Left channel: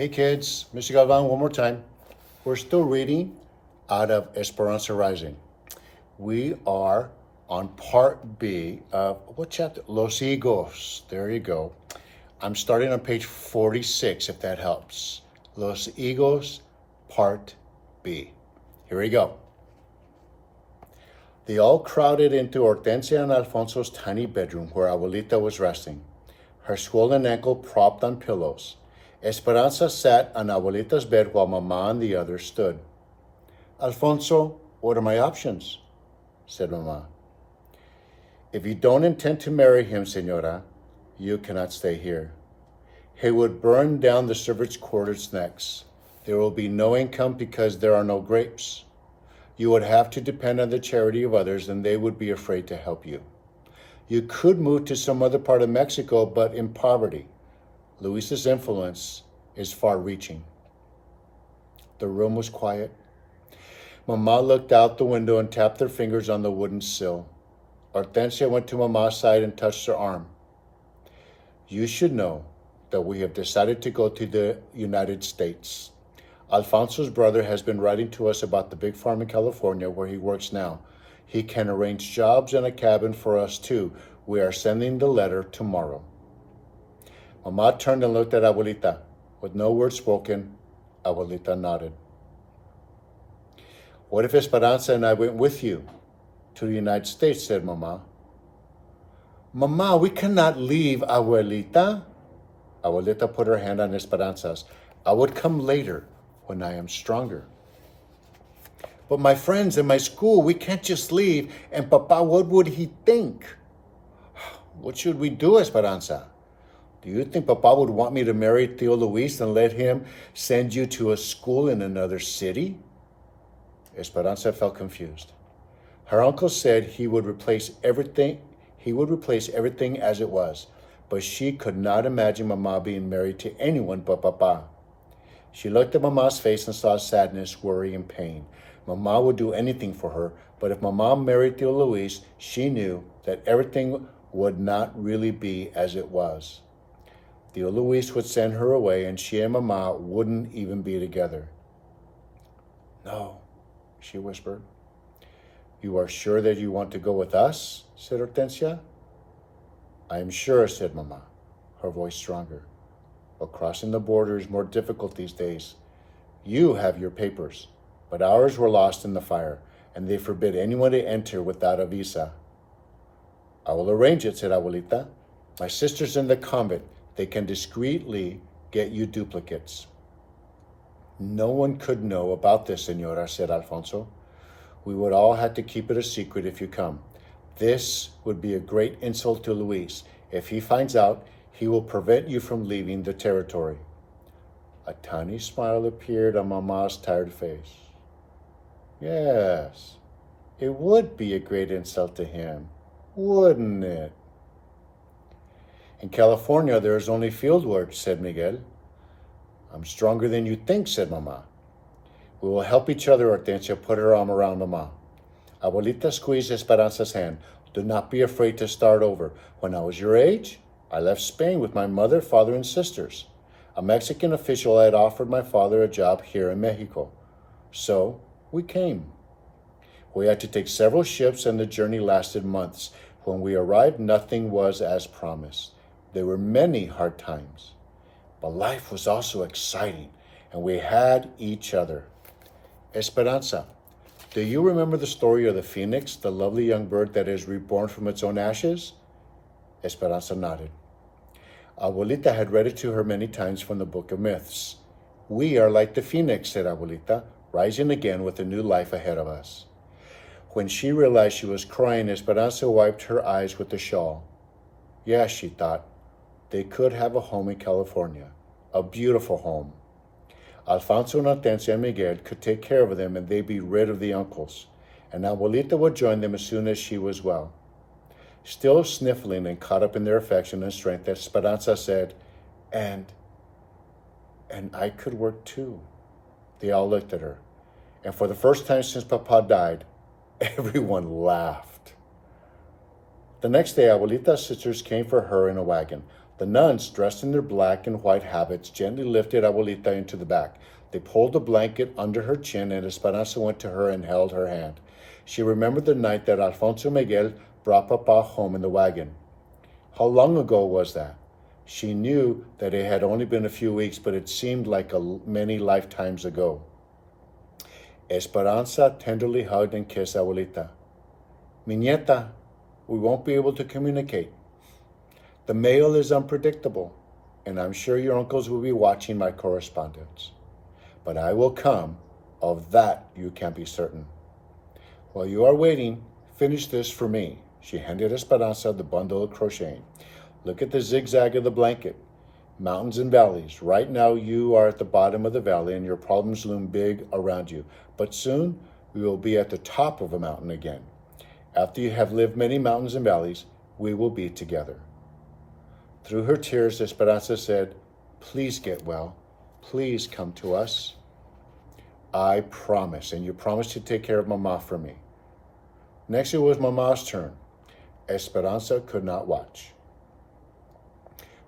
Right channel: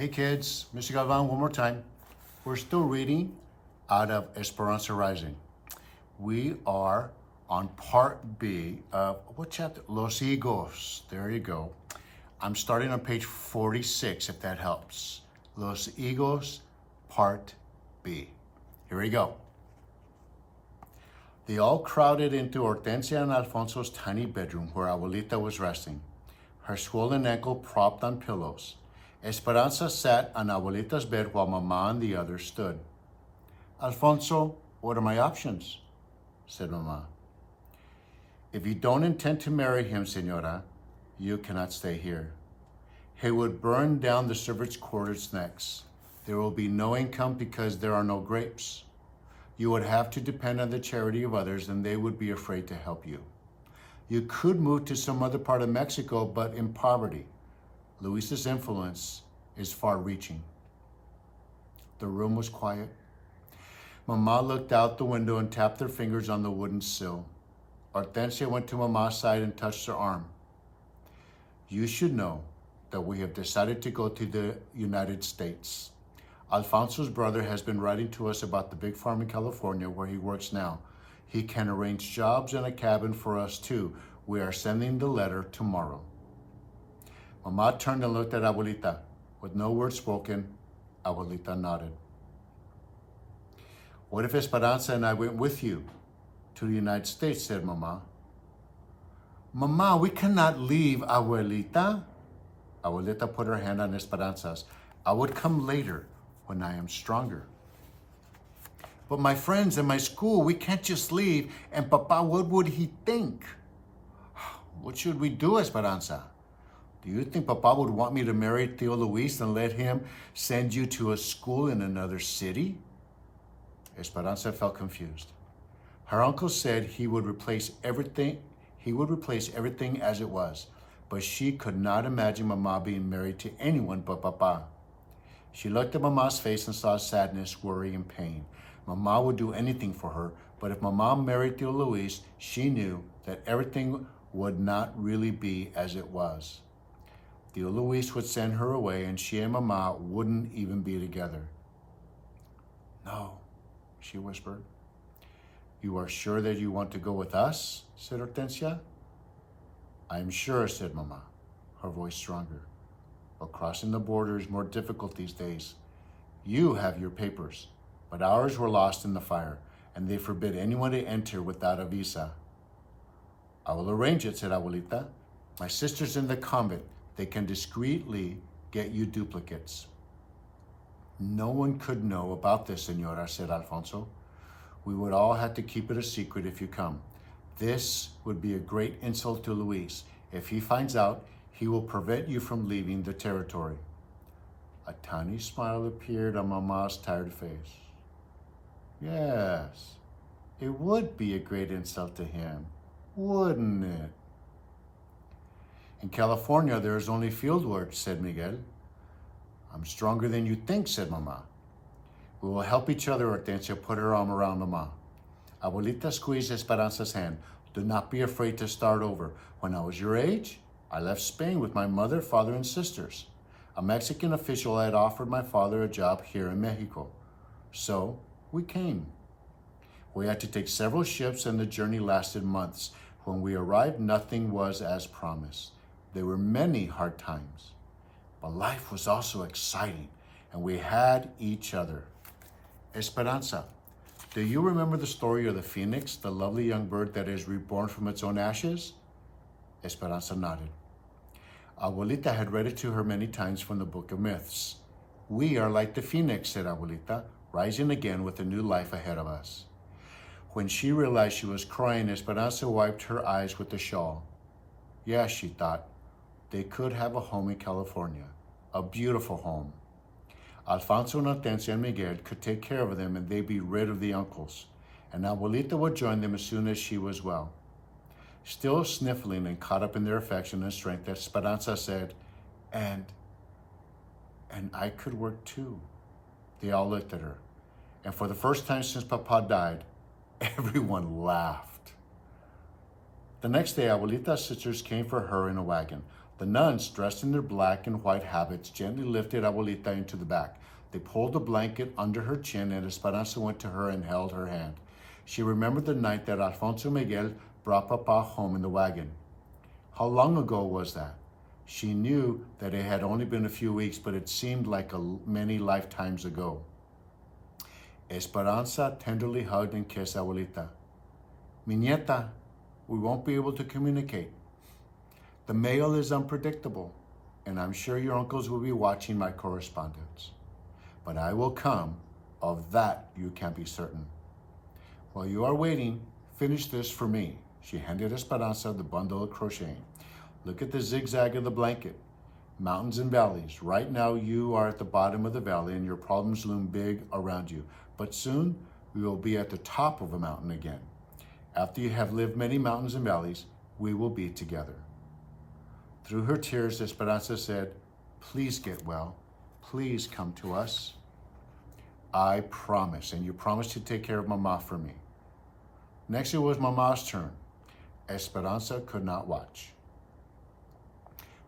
Hey kids, Mr. Galvan, one more time. We're still reading out of Esperanza Rising. We are on part B of what chapter? Los Higos. There you go. I'm starting on page 46, if that helps. Los Higos, part B. Here we go. They all crowded into Hortensia and Alfonso's tiny bedroom where Abuelita was resting, her swollen ankle propped on pillows. Esperanza sat on Abuelita's bed while Mama and the others stood. Alfonso, what are my options? Said Mama. If you don't intend to marry him, Senora, you cannot stay here. He would burn down the servants' quarters next. There will be no income because there are no grapes. You would have to depend on the charity of others and they would be afraid to help you. You could move to some other part of Mexico, but in poverty. Luis's influence is far-reaching. The room was quiet. Mama looked out the window and tapped her fingers on the wooden sill. Hortensia went to Mama's side and touched her arm. You should know that we have decided to go to the United States. Alfonso's brother has been writing to us about the big farm in California where he works now. He can arrange jobs and a cabin for us too. We are sending the letter tomorrow. Mama turned and looked at Abuelita. With no word spoken, Abuelita nodded. What if Esperanza and I went with you to the United States, said Mama. Mama, we cannot leave, Abuelita. Abuelita put her hand on Esperanza's. I would come later when I am stronger. But my friends in my school, we can't just leave. And Papa, what would he think? What should we do, Esperanza? Do you think Papa would want me to marry Tio Luis and let him send you to a school in another city? Esperanza felt confused. Her uncle said he would replace everything as it was, but she could not imagine Mama being married to anyone but Papa. She looked at Mama's face and saw sadness, worry, and pain. Mama would do anything for her, but if Mama married Tio Luis, she knew that everything would not really be as it was. Tio Luis would send her away and she and Mama wouldn't even be together. No, she whispered. You are sure that you want to go with us? Said Hortensia. I am sure, said Mama, her voice stronger. But crossing the border is more difficult these days. You have your papers, but ours were lost in the fire, and they forbid anyone to enter without a visa. I will arrange it, said Abuelita. My sister's in the convent. They can discreetly get you duplicates. No one could know about this, Senora, said Alfonso. We would all have to keep it a secret if you come. This would be a great insult to Luis. If he finds out, he will prevent you from leaving the territory. A tiny smile appeared on Mama's tired face. Yes, it would be a great insult to him, wouldn't it? In California, there is only field work, said Miguel. I'm stronger than you think, said Mama. We will help each other, Hortensia put her arm around Mama. Abuelita squeezed Esperanza's hand. Do not be afraid to start over. When I was your age, I left Spain with my mother, father, and sisters. A Mexican official had offered my father a job here in Mexico. So we came. We had to take several ships and the journey lasted months. When we arrived, nothing was as promised. There were many hard times, but life was also exciting and we had each other. Esperanza, do you remember the story of the phoenix, the lovely young bird that is reborn from its own ashes? Esperanza nodded. Abuelita had read it to her many times from the Book of Myths. We are like the phoenix, said Abuelita, rising again with a new life ahead of us. When she realized she was crying, Esperanza wiped her eyes with the shawl. Yes, she thought, they could have a home in California, a beautiful home. Alfonso and Hortensia and Miguel could take care of them and they'd be rid of the uncles, and Abuelita would join them as soon as she was well. Still sniffling and caught up in their affection and strength, Esperanza said, and I could work too. They all looked at her, and for the first time since Papa died, everyone laughed. The next day, Abuelita's sisters came for her in a wagon. The nuns, dressed in their black and white habits, gently lifted Abuelita into the back. They pulled the blanket under her chin, and Esperanza went to her and held her hand. She remembered the night that Alfonso Miguel brought Papa home in the wagon. How long ago was that? She knew that it had only been a few weeks, but it seemed like many lifetimes ago. Esperanza tenderly hugged and kissed Abuelita. Mi nieta, we won't be able to communicate. The mail is unpredictable, and I'm sure your uncles will be watching my correspondence. But I will come, of that you can be certain. While you are waiting, finish this for me. She handed Esperanza the bundle of crocheting. Look at the zigzag of the blanket. Mountains and valleys. Right now you are at the bottom of the valley and your problems loom big around you. But soon we will be at the top of a mountain again. After you have lived many mountains and valleys, we will be together. Through her tears, Esperanza said, please get well. Please come to us. I promise, and you promise to take care of Mama for me. Next, it was Mama's turn. Esperanza could not watch.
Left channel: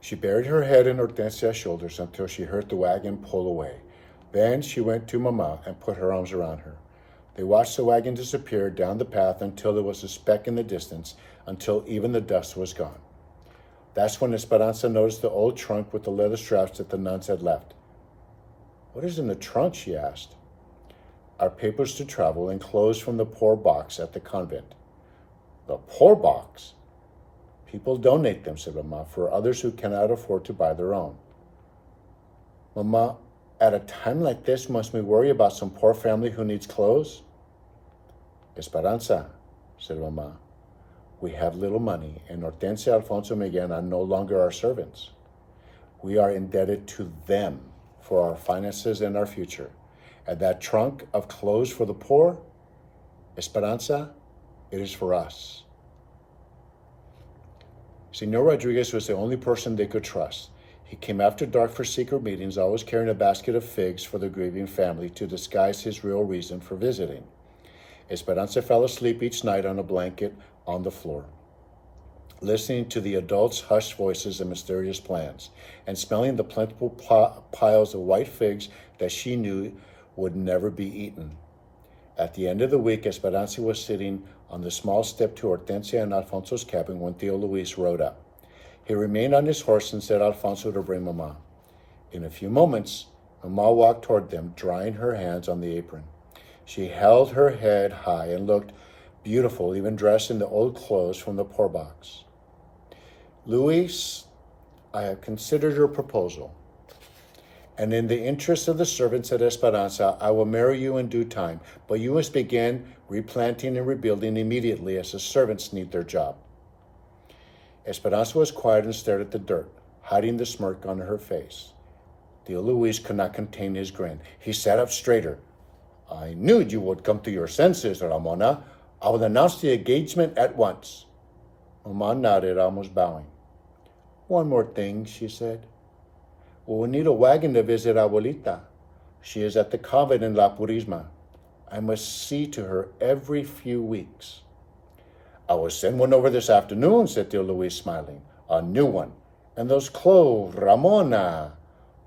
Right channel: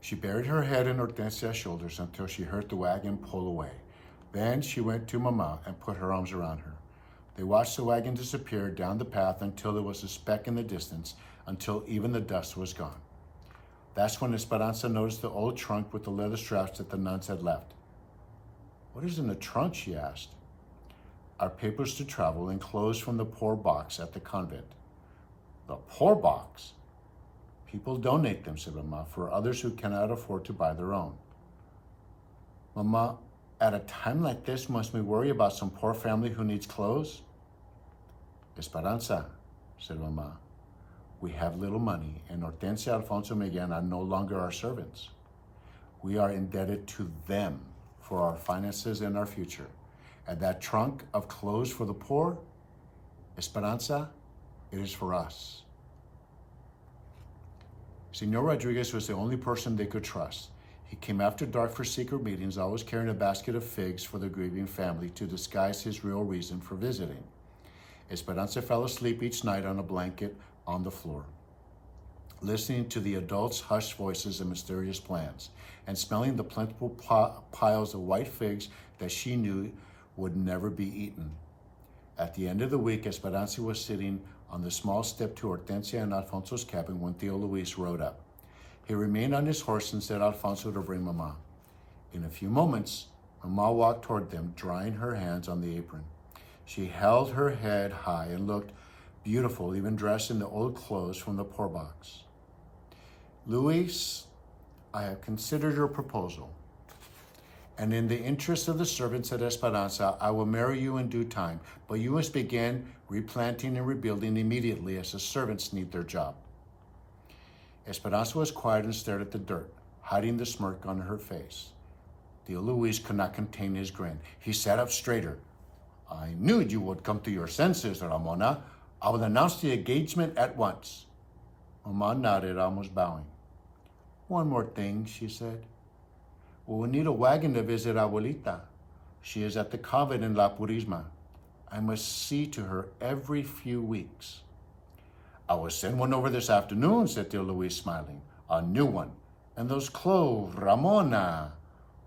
She buried her head in Hortensia's shoulders until she heard the wagon pull away. Then she went to Mama and put her arms around her. They watched the wagon disappear down the path until there was a speck in the distance, until even the dust was gone. That's when Esperanza noticed the old trunk with the leather straps that the nuns had left. What is in the trunk, she asked. Our papers to travel and clothes from the poor box at the convent. The poor box? People donate them, said Mama, for others who cannot afford to buy their own. Mama, at a time like this, must we worry about some poor family who needs clothes? Esperanza, said Mama, we have little money, and Hortensia, Alfonso, Miguel are no longer our servants. We are indebted to them for our finances and our future. And that trunk of clothes for the poor, Esperanza, it is for us. Senor Rodriguez was the only person they could trust. He came after dark for secret meetings, always carrying a basket of figs for the grieving family to disguise his real reason for visiting. Esperanza fell asleep each night on a blanket on the floor, listening to the adults' hushed voices and mysterious plans, and smelling the plentiful piles of white figs that she knew would never be eaten. At the end of the week, Esperanza was sitting on the small step to Hortensia and Alfonso's cabin when Tío Luis rode up. He remained on his horse and said Alfonso to bring Mama. In a few moments, Mama walked toward them, drying her hands on the apron. She held her head high and looked beautiful, even dressed in the old clothes from the poor box. Luis, I have considered your proposal, and in the interest of the servants at Esperanza, I will marry you in due time, but you must begin replanting and rebuilding immediately as the servants need their job. Esperanza was quiet and stared at the dirt, hiding the smirk on her face. Tío Luis could not contain his grin. He sat up straighter. I knew you would come to your senses, Ramona. I will announce the engagement at once. Mama nodded, almost bowing. One more thing, she said. We will need a wagon to visit Abuelita. She is at the convent in La Purisma. I must see to her every few weeks. I will send one over this afternoon, said Tío Luis, smiling. A new one. And those clothes, Ramona,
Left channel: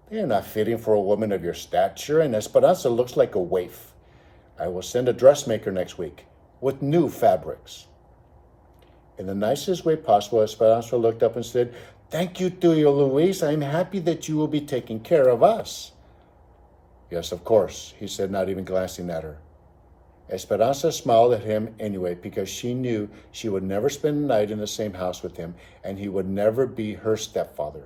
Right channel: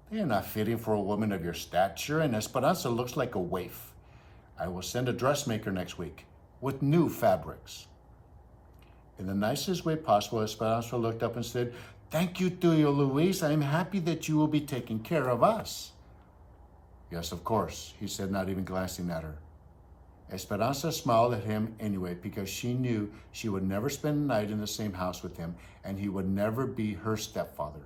they are not fitting for a woman of your stature, and Esperanza looks like a waif. I will send a dressmaker next week with new fabrics. In the nicest way possible, Esperanza looked up and said, Thank you, Tío Luis. I am happy that you will be taking care of us. Yes, of course, he said, not even glancing at her. Esperanza smiled at him anyway because she knew she would never spend the night in the same house with him, and he would never be her stepfather.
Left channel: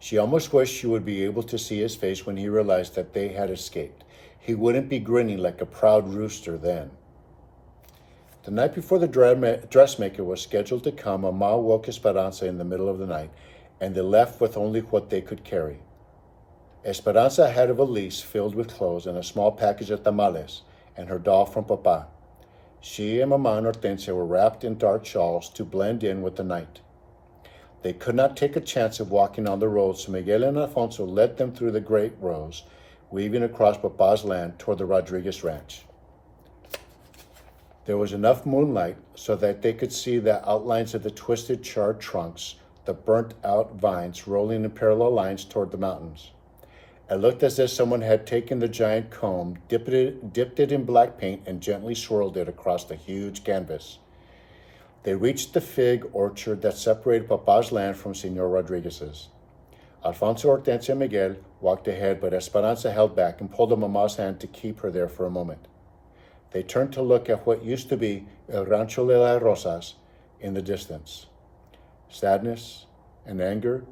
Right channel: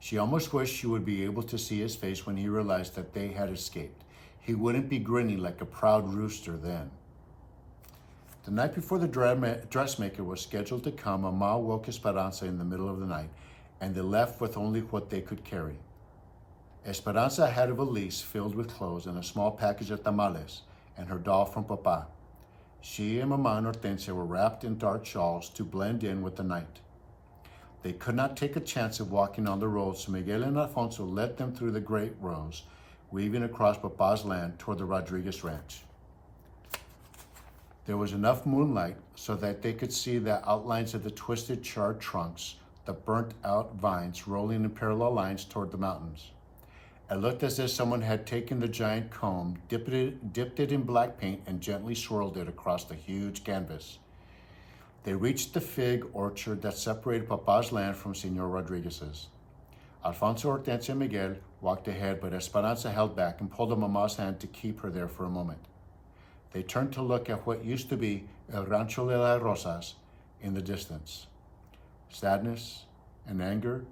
She almost wished she would be able to see his face when he realized that they had escaped. He wouldn't be grinning like a proud rooster then. The night before the dressmaker was scheduled to come, Mama woke Esperanza in the middle of the night, and they left with only what they could carry. Esperanza had a valise filled with clothes and a small package of tamales, and her doll from Papa. She and Mama and Hortensia were wrapped in dark shawls to blend in with the night. They could not take a chance of walking on the road, so Miguel and Alfonso led them through the great rows, weaving across Papa's land toward the Rodriguez ranch. There was enough moonlight so that they could see the outlines of the twisted, charred trunks, the burnt-out vines rolling in parallel lines toward the mountains. It looked as if someone had taken the giant comb, dipped it in black paint, and gently swirled it across the huge canvas. They reached the fig orchard that separated Papa's land from Senor Rodriguez's. Alfonso, Hortensia, and Miguel walked ahead, but Esperanza held back and pulled on Mama's hand to keep her there for a moment. They turned to look at what used to be El Rancho de las Rosas in the distance. Sadness and anger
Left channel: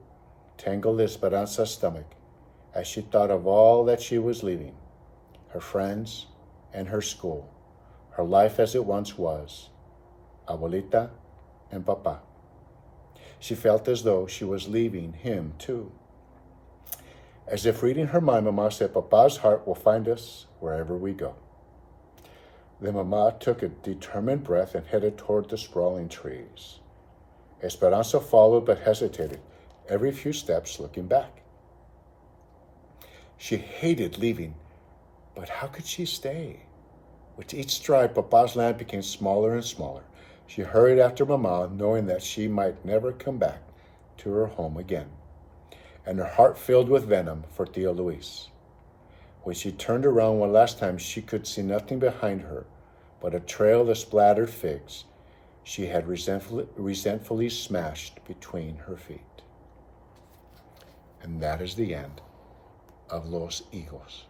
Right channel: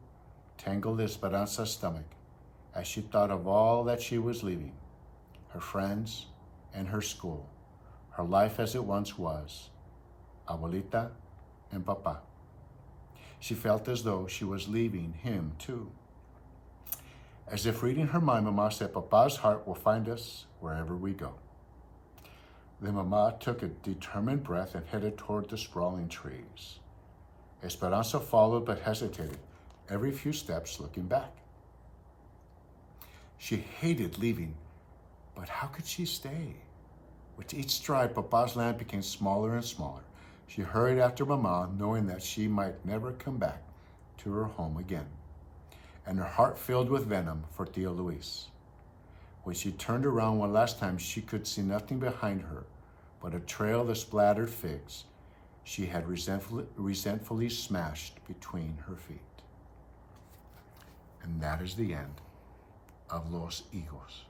tangled Esperanza's stomach as she thought of all that she was leaving, her friends and her school, her life as it once was, Abuelita and Papa. She felt as though she was leaving him too. As if reading her mind, Mama said, Papa's heart will find us wherever we go. Then Mama took a determined breath and headed toward the sprawling trees. Esperanza followed but hesitated, every few steps looking back. She hated leaving, but how could she stay? With each stride, Papa's land became smaller and smaller. She hurried after Mama, knowing that she might never come back to her home again, and her heart filled with venom for Tio Luis. When she turned around one last time, she could see nothing behind her but a trail of splattered figs she had resentfully smashed between her feet. And that is the end of Los Higos.